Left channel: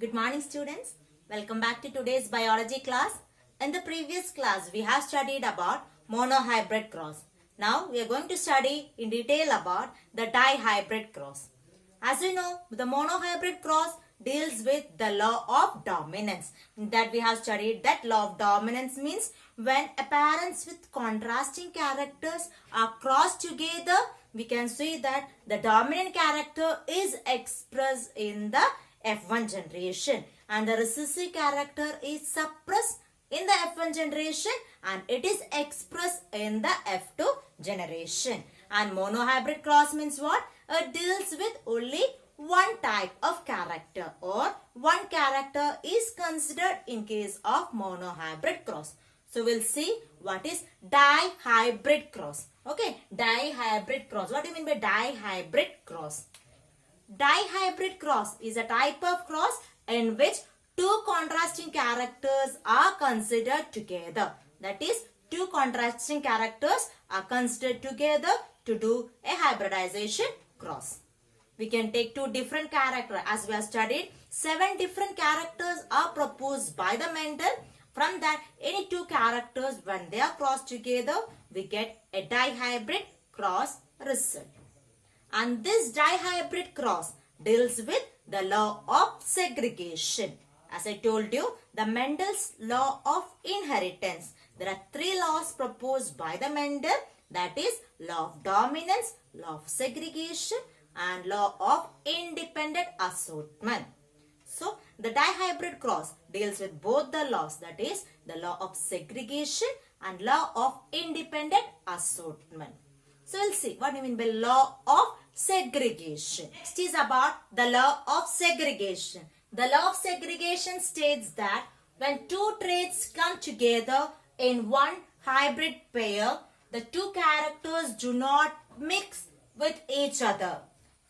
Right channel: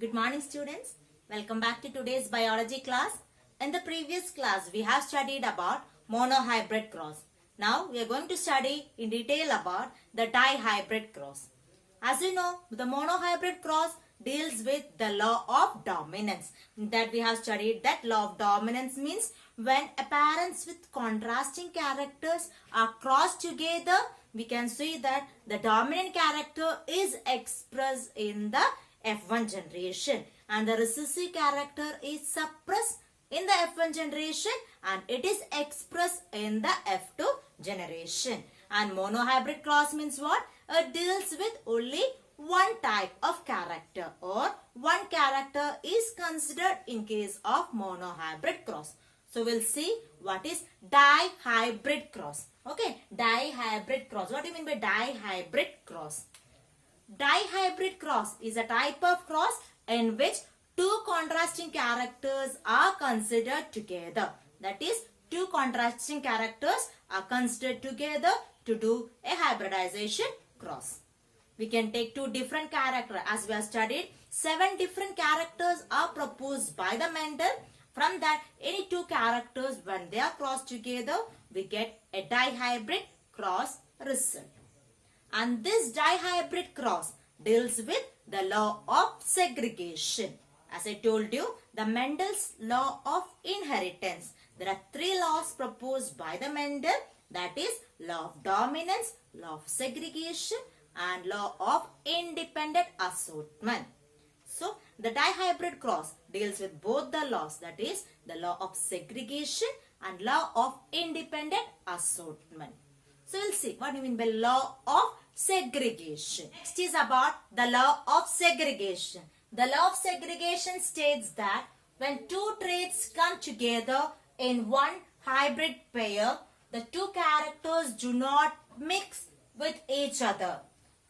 Good morning students. Welcome back to today's biology class. In the previous class we have studied about monohybrid cross. Now we are going to study in detail about the dihybrid cross. As you know, the monohybrid cross deals with the law of dominance. That we have studied that law of dominance means when parents with contrasting characters are crossed together, we can see that the dominant character is expressed in the F1 generation and the recessive character is suppressed in the F1 generation and it is expressed in the F2 generation. And monohybrid cross means what? It deals with only one type of character or one character is considered in case of monohybrid cross. So we'll see what is dihybrid cross. Okay, dihybrid cross. What do you mean by dihybrid cross? Dihybrid cross is a type of cross in which two contrasting characters are considered together. That is, two contrasting characters are considered together to do a hybridization cross. We can take two different characters. As we have studied, 7 different characters are proposed by the Mendel. From that, any two characters, when they are crossed together, we get a dihybrid cross result. And this dihybrid cross deals with the law of segregation. As I told you, the Mendel's law of inheritance. There are 3 laws proposed by the Mendel. That is law of dominance, law of segregation and law of independent assortment. So, the dihybrid cross deals with both the laws. That is the law of segregation and law of independent assortment. So, we'll see what we mean by law of segregation. Next is about the law of segregation. The law of segregation states that when two traits come together in one hybrid pair, the two characters do not mix with each other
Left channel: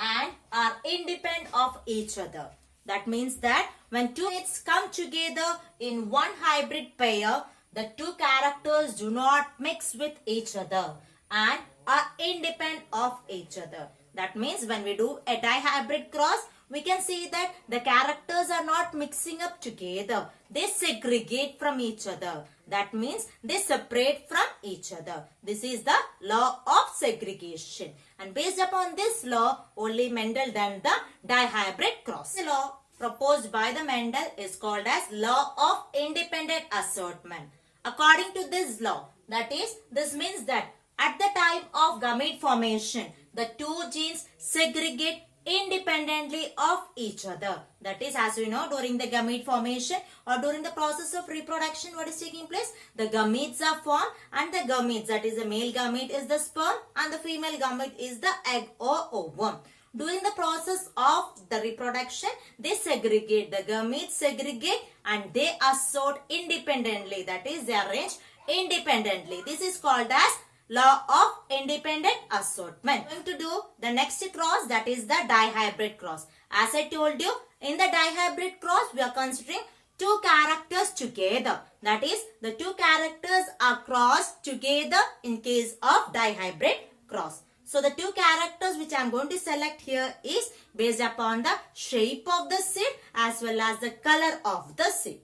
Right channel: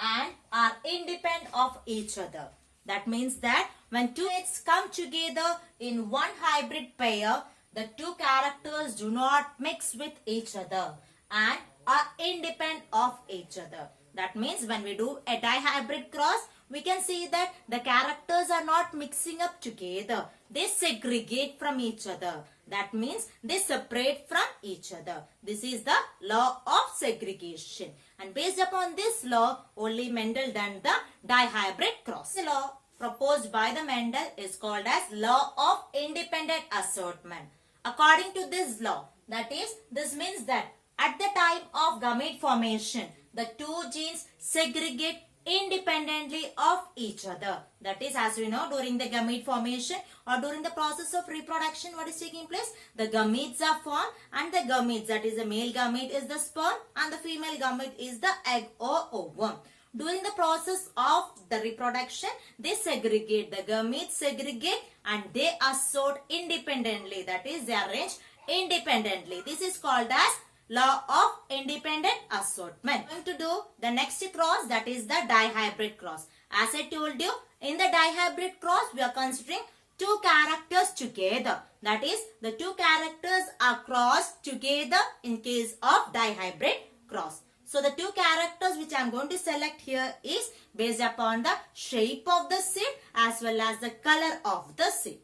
and are independent of each other. That means that when two traits come together in one hybrid pair, the two characters do not mix with each other and are independent of each other. That means when we do a dihybrid cross, we can see that the characters are not mixing up together. They segregate from each other. That means they separate from each other. This is the law of segregation. And based upon this law, only Mendel done the dihybrid cross. The law proposed by the Mendel is called as law of independent assortment. According to this law, that is, this means that at the time of gamete formation, the two genes segregate independently of each other. That is, as we know, during the gamete formation or during the process of reproduction, what is taking place? The gametes are formed and the gametes, that is the male gamete is the sperm and the female gamete is the egg or ovum. During the process of the reproduction, they segregate. The gametes segregate and they assort independently. That is, they arrange independently. This is called as law of independent assortment. We are going to do the next cross, that is the dihybrid cross. As I told you, in the dihybrid cross, we are considering two characters together. That is, the two characters are crossed together in case of dihybrid cross. So, the two characters which I am going to select here is based upon the shape of the seed as well as the color of the seed.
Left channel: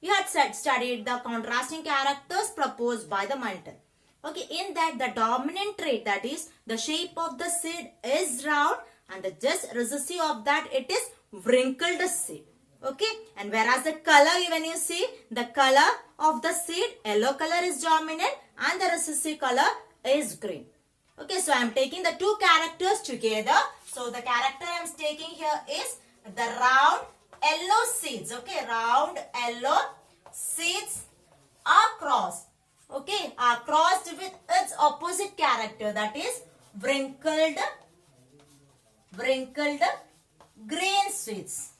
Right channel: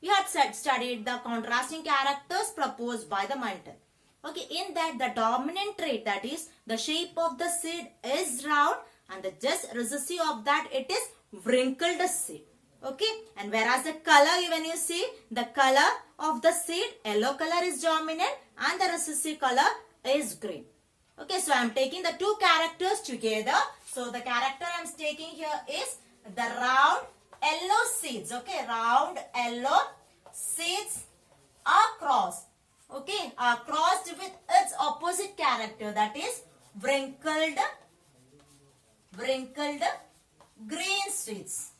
We had studied the contrasting characters proposed by the Mendel. Okay, in that the dominant trait, that is the shape of the seed is round and the just recessive of that it is wrinkled seed. Okay, and whereas the color, when you see the color of the seed, yellow color is dominant and the recessive color is green. Okay, so I am taking the two characters together. So the character I am taking here is the round yellow seeds. Okay, round yellow seeds are crossed. Okay, are crossed with its opposite character, that is wrinkled green seeds.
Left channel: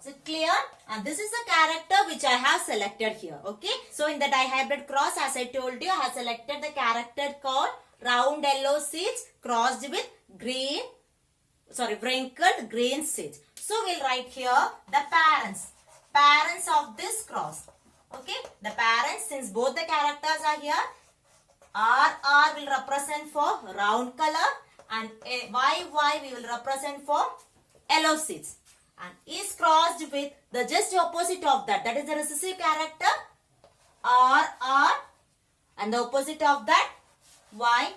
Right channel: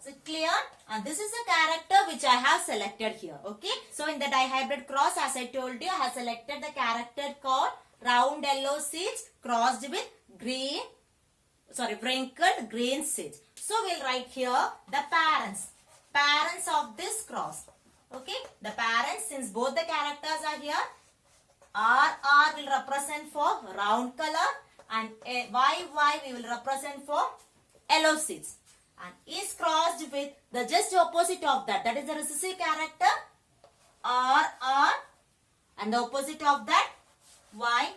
Is it clear? And this is the character which I have selected here. Okay, so in the dihybrid cross, as I told you, I have selected the character called round yellow seeds crossed with wrinkled green seeds. So we'll write here the parents of this cross. Okay, the parents, since both the characters are here, R will represent for round color and Y we will represent for yellow seeds. and is crossed with the just opposite of that. That is the recessive character R, and the opposite of that Y.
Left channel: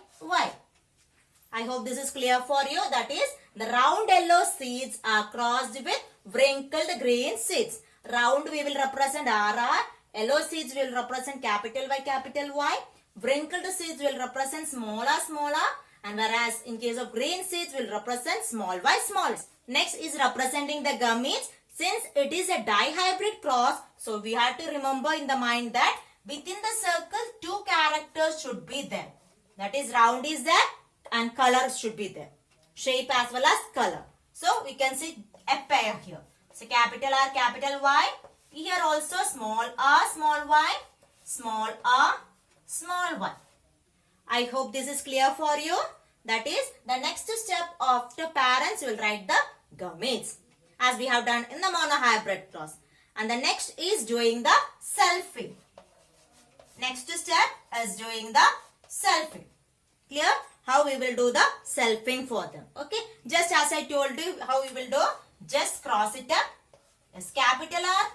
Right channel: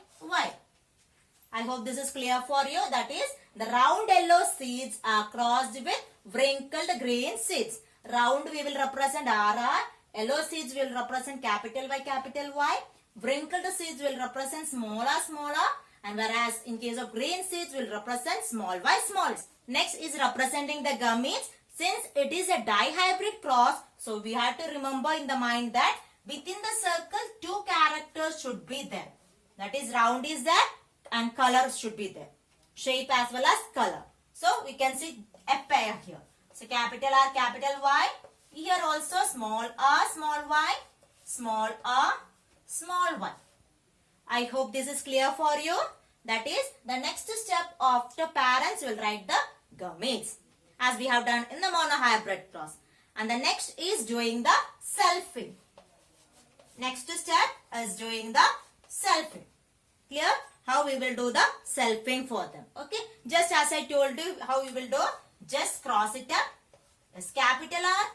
I hope this is clear for you. That is, the round yellow seeds are crossed with wrinkled green seeds. Round we will represent RR. Yellow seeds will represent capital Y. Wrinkled seeds will represent small r. And whereas in case of green seeds will represent small y. Next is representing the gametes. Since it is a dihybrid cross, so we have to remember in the mind that within the circle 2 characters should be there. That is, round is there and color should be there. Shape as well as color. So we can see a pair here. So capital R, capital Y. Here also small r, small y, small r, small y. I hope this is clear for you. That is, the next step of the parents will write the gametes, as we have done in the monohybrid cross. And the next is doing the selfing. Next step is doing the selfing. Clear? How we will do the selfing for them. Okay. Just as I told you how we will do. Just cross it up. It's capital R,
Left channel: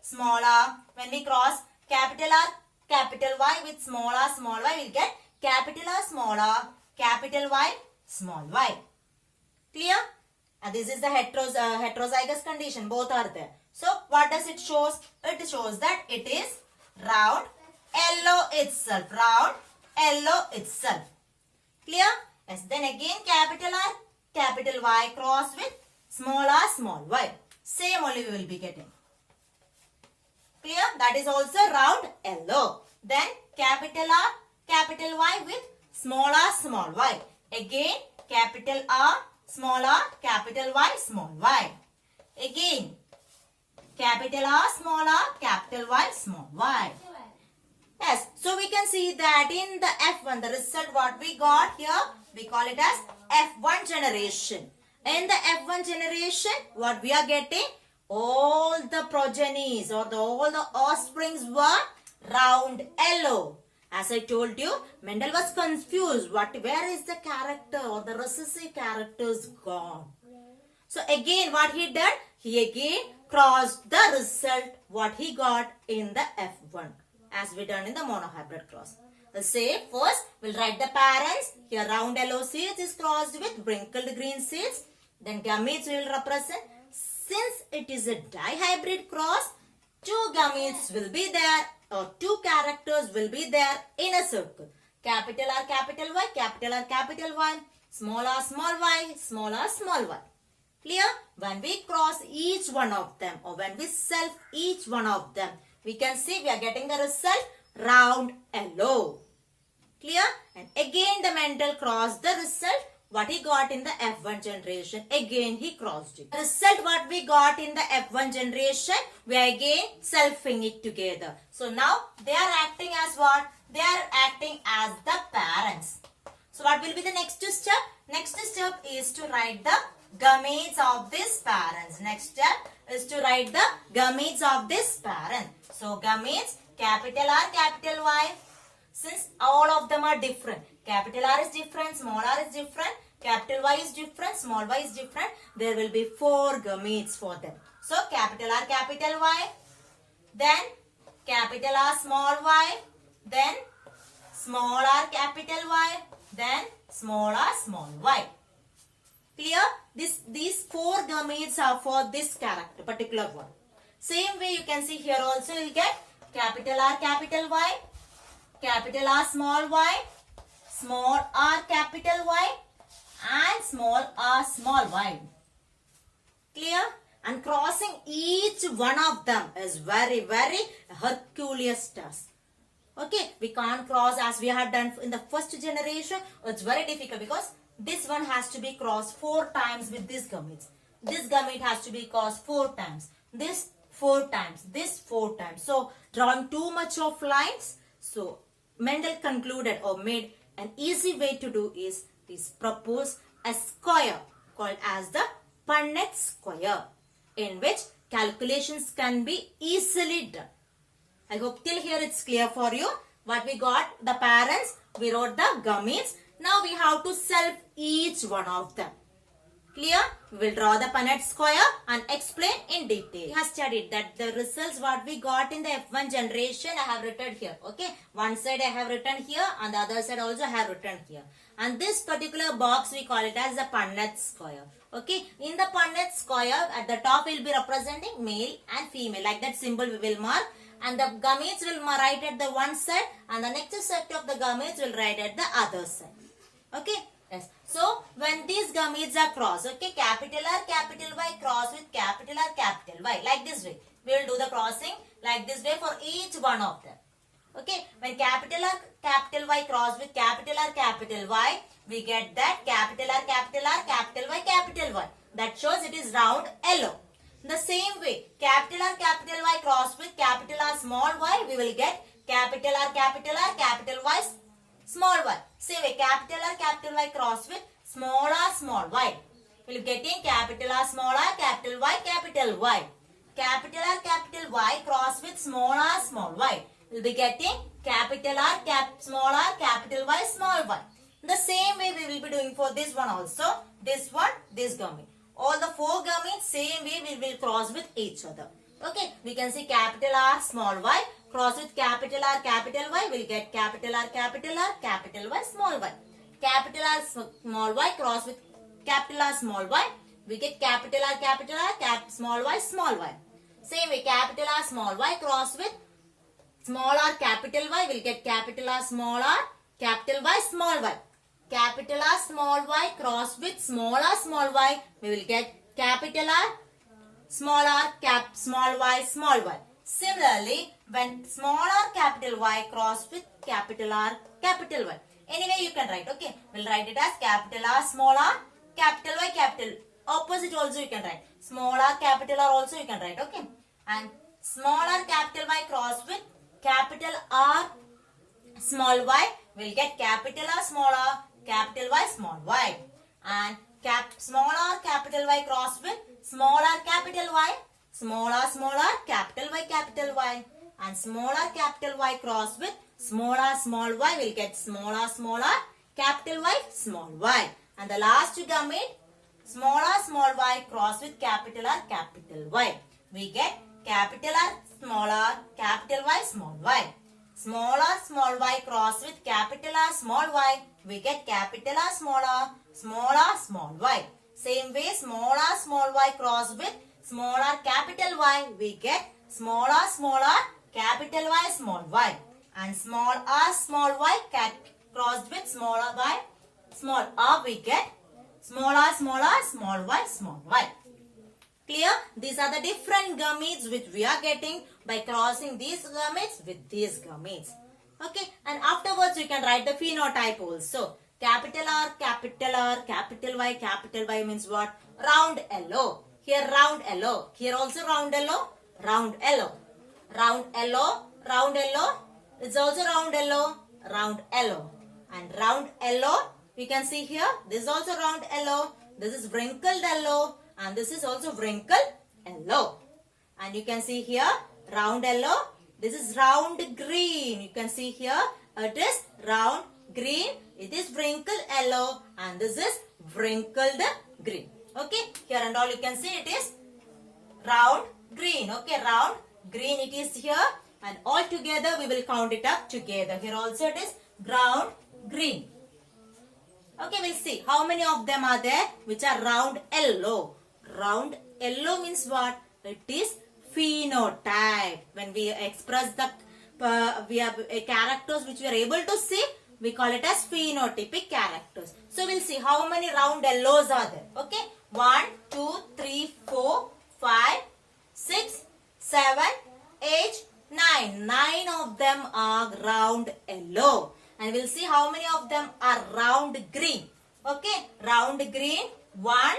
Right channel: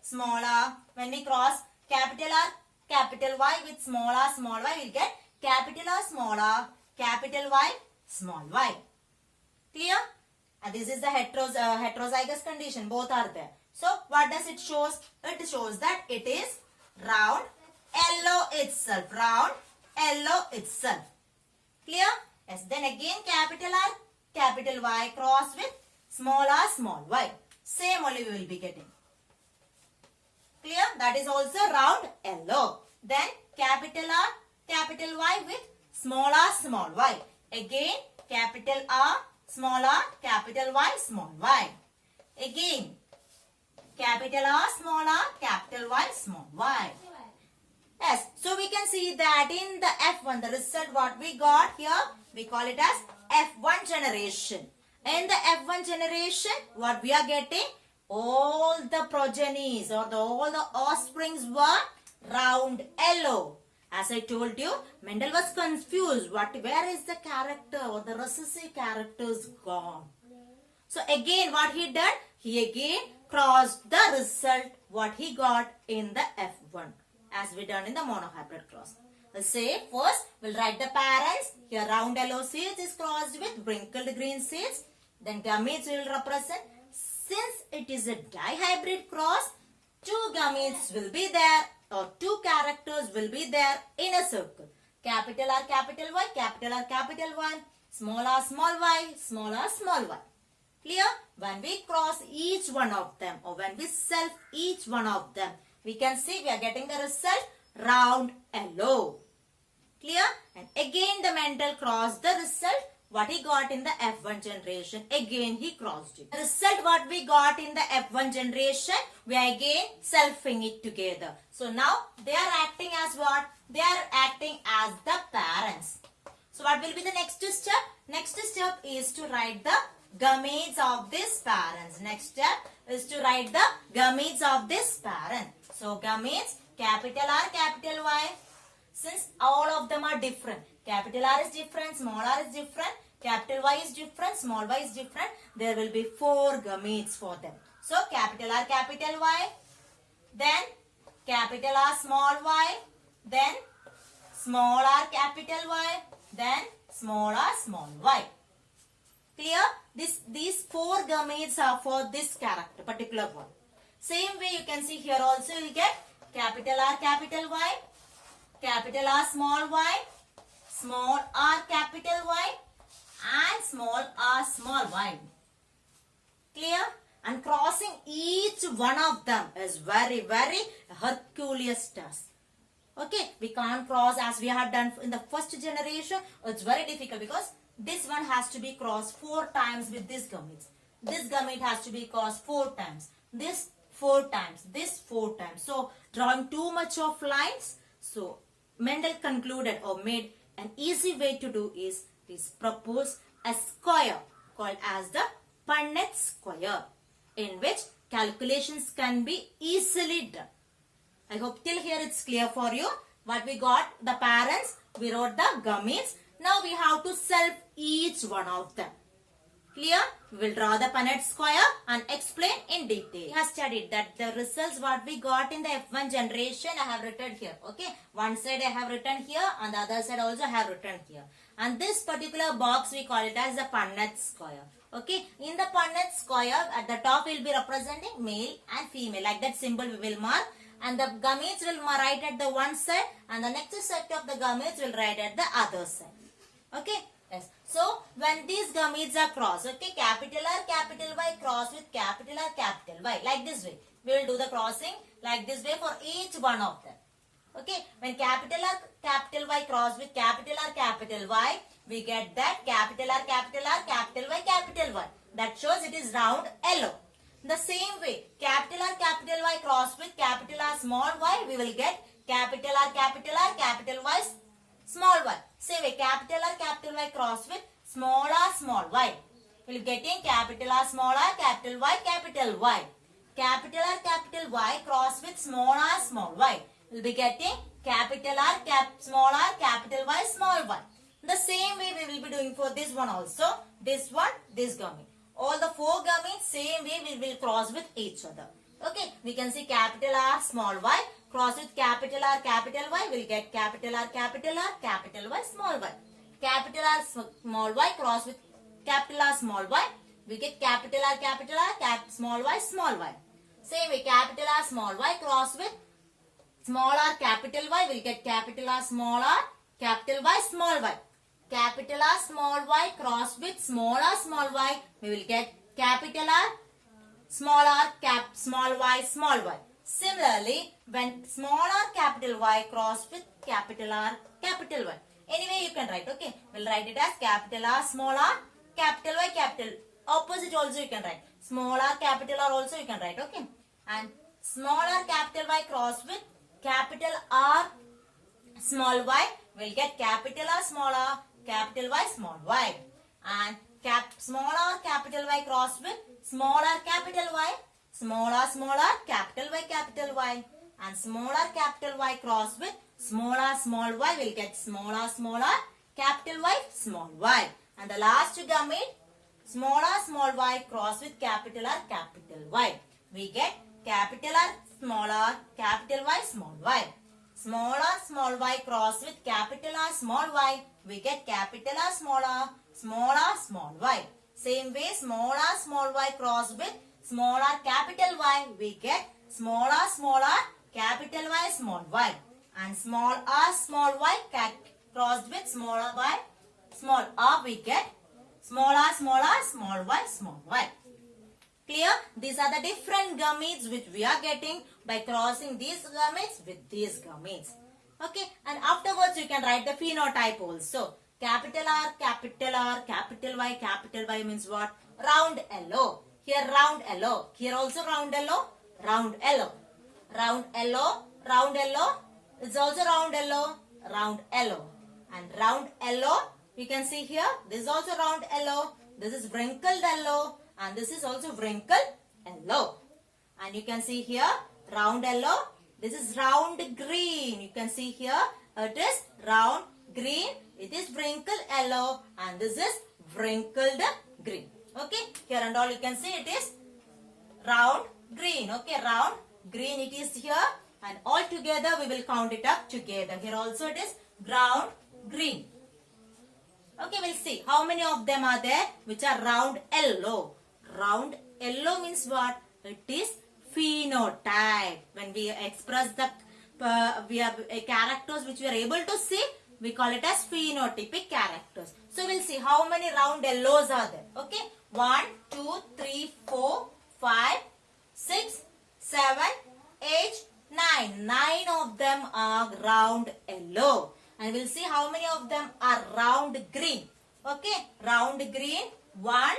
small r. When we cross capital R, capital Y with small r, we'll get capital R, capital Y, small y. Clear? And this is the heterozygous condition. Both are there. So, what does it show? It shows that it is round yellow itself. Round yellow itself. Clear? Yes. Then again capital R, capital Y cross with small r, small y. Same only we will be getting. Clear? That is also round yellow. Then capital R, capital Y with small r, small y. Again capital R, small r, capital Y, small y. Again capital R, small r, capital Y, small y. Yes, so we can see that in the F1, the result what we got here, we call it as F1 generation. In the F1 generation, what we are getting? All the progenies or all the offsprings were round yellow. As I told you, Mendel was confused. Where is the character or the recessive characters gone? So again, what he did? He again crossed the result what he got in the F1. As we done in the monohybrid cross. Let's say first we'll write the parents. Here round yellow seeds is crossed with wrinkled green seeds. Then gametes will represent. Since it is a dihybrid cross, 2 gametes will be there or 2 characters will be there in a circle. Capital R, capital Y, capital R, capital Y, small r, small y, small r, small y. Clear? When we cross each one of them or when we self each one of them, we can see we are getting the result round yellow. Clear? And again the Mendel crossed the result what he got in the F1 generation. Again he crossed it. The result what we got in the F1 generation, we are again selfing it together. So now they are acting as what? They are acting as the parents. So what will be the next step? Next step is to write the gametes of this parents. Next step is to write the gametes of this parent. So gametes, capital R, capital Y. Since all of them are different. Capital R is different, small r is different, capital Y is different, small y is different. There will be 4 gametes for them. So capital R, capital Y. Then capital R, small y. Then small r, capital Y. Then small r, small y. Clear? These 4 gametes are for this character, particular one. Same way you can see here also you will get capital R, capital Y, capital R, small y, small r, capital Y, and small r, small y. Clear? And crossing each one of them is very, very Herculean task. Okay, we can't cross as we have done in the first generation. It's very difficult because this one has to be crossed 4 times with this gametes. This gamete has to be crossed 4 times. This 4 times. This 4 times. So, drawing too much of lines. So, Mendel concluded or made an easy way to do is propose a square called as the Punnett square, in which calculations can be easily done. I hope till here it's clear for you. What we got, the parents, we wrote the gametes. Now we have to self each one of them. Clear? We will draw the Punnett square and explain in detail. We have studied that the results what we got in the F1 generation I have written here. Okay. One side I have written here and the other side also I have written here. And this particular box we call it as the Punnett square. Okay. In the Punnett square at the top will be representing male and female. Like that symbol we will mark. And the gametes will write at the one side and the next set of the gametes will write at the other side. Okay. Yes. So, when these gametes are crossed, okay, capital R, capital Y cross with capital R, capital Y, like this way. We will do the crossing like this way for each one of them. Okay, when capital R, capital Y cross with capital R, capital Y, we get that capital R, capital R, capital Y, capital Y. That shows it is round yellow. The same way, capital R, capital Y cross with capital R, small y, we will get capital R, capital Y, small y. Same way, capital Y cross with small y. We will get in capital R, small r, capital Y. Capital R, capital Y cross with small y. We will be getting capital R, small r, capital Y, small y. The same way we will be doing for this one also. This one, this gamete. All the four gametes, same way we will cross with each other. Okay, we can see capital R, small y. Cross with capital R, capital Y, we'll get capital R, capital Y, small y. Capital R, small y, cross with capital R, small y, we get capital R, small y. Same way, capital R, small y, cross with small r, capital Y, we'll get capital R, small y, small y. Capital R, small y, cross with small y, we will get capital R, small y, small y. Similarly, when small r capital Y cross with capital R capital Y. Anyway, you can write, okay. We'll write it as capital R, small r, capital Y, capital. Opposite also you can write. Small r, capital R also you can write, okay. And small r, capital Y cross with capital R, small y, we'll get capital R, small y, small y. And small r, capital Y cross with small r, capital Y, small r, capital Y. And small r, capital Y cross with small y, we'll get small r, capital Y, small y. And the last gamete, small r, y cross with capital R, capital Y. We get capital R, capital Y, small y. Small r, y cross with capital R, small y. We get capital R, small y. Same way, small r, y cross with small r, capital Y. We get small r, capital Y, small y. And small r, y crossed with small y, small r. We get small r, small y, small y. Clear? These are the different gametes which we are getting by crossing these gametes with these gametes. Okay, and afterwards you can write the phenotype also. Capital R, capital Y means what? Round yellow. Here round yellow. Here also round yellow. Round yellow. Round yellow. Round yellow. It's also round yellow. Round yellow. And round yellow. We can see here. This is also round yellow. This is wrinkled yellow. And this is also wrinkled yellow. And you can see here round yellow. This is round green. You can see here it is round green. It is wrinkled yellow. And this is wrinkled green. Okay. Here and all you can see it is round green. Okay. Round green it is here. And all together we will count it up together. Here also it is round green. Okay. We'll see how many of them are there which are round yellow. Round yellow means what? It is phenotype. When we express the we have characters which we are able to see, we call it as phenotypic characters. So we'll see how many round yellows are there. Okay. 1, 2, 3, 4, 5, 6, 7, 8, 9. 9 of them are round yellow. And we'll see how many of them are round green. Okay. Round green. 1,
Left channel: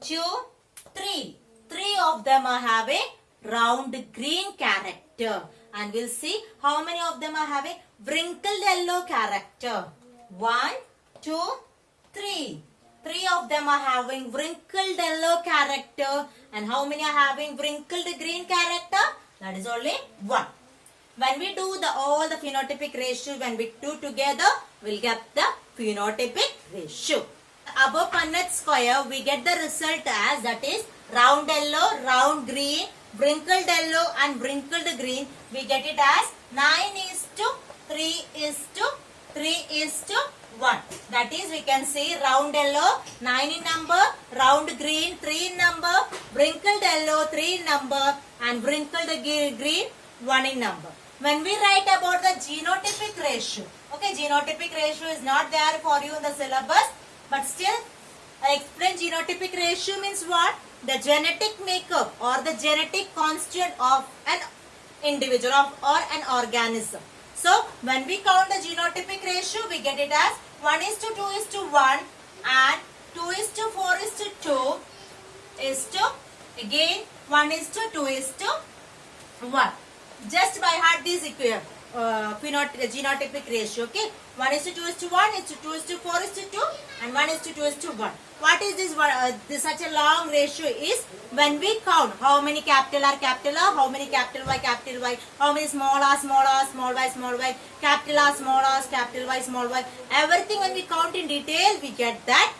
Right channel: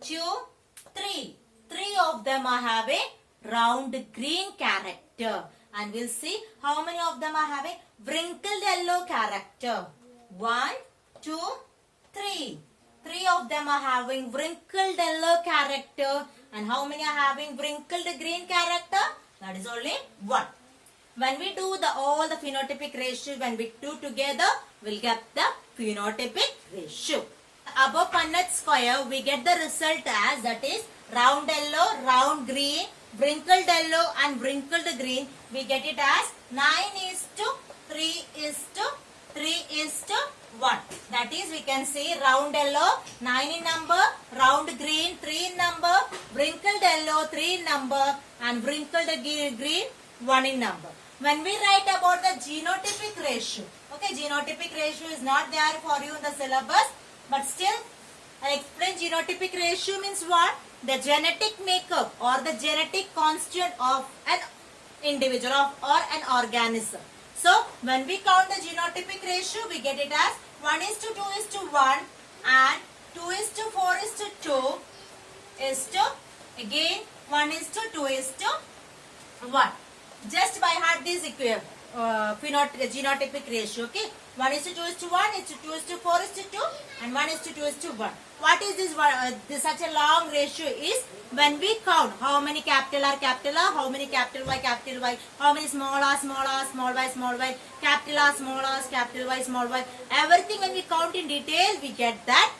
2, 3. 3 of them are having round green character. And we'll see how many of them are having wrinkled yellow character. 1, 2, 3. 3 of them are having wrinkled yellow character. And how many are having wrinkled green character? That is only 1. When we do all the phenotypic ratio, when we do together, we'll get the phenotypic ratio. Above Punnett square, we get the result as that is round yellow, round green, wrinkled yellow and wrinkled green. We get it as 9:3:3:1. That is, we can say round yellow 9 in number, round green 3 in number, wrinkled yellow 3 in number and wrinkled green 1 in number. When we write about the genotypic ratio, okay, genotypic ratio is not there for you in the syllabus, but still I explain genotypic ratio means what? The genetic makeup or the genetic constituent of an individual or an organism. So when we count the genotypic ratio, we get it as 1:2:1 and 2:4:2 is to again 1:2:1. Just by heart this genotypic ratio, okay? 1:2:1, 2:4:2 and 1:2:1. What is this? This such a long ratio is when we count how many capital R, how many capital Y, how many small r, small y, capital R, small y, small y. Everything when we count in detail, we get that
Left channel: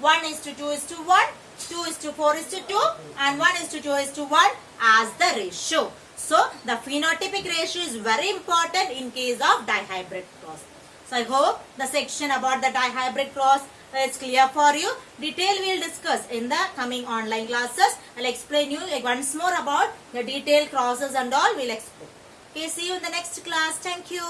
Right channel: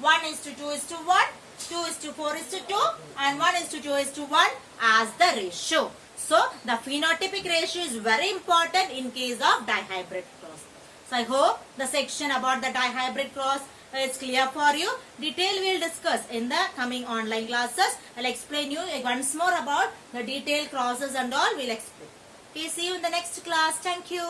1:2:1, 2:4:2 and 1:2:1 as the ratio. So, the phenotypic ratio is very important in case of dihybrid cross. So, I hope the section about the dihybrid cross is clear for you. Detail we will discuss in the coming online classes. I will explain you once more about the detailed crosses and all we will explain. Okay, see you in the next class. Thank you.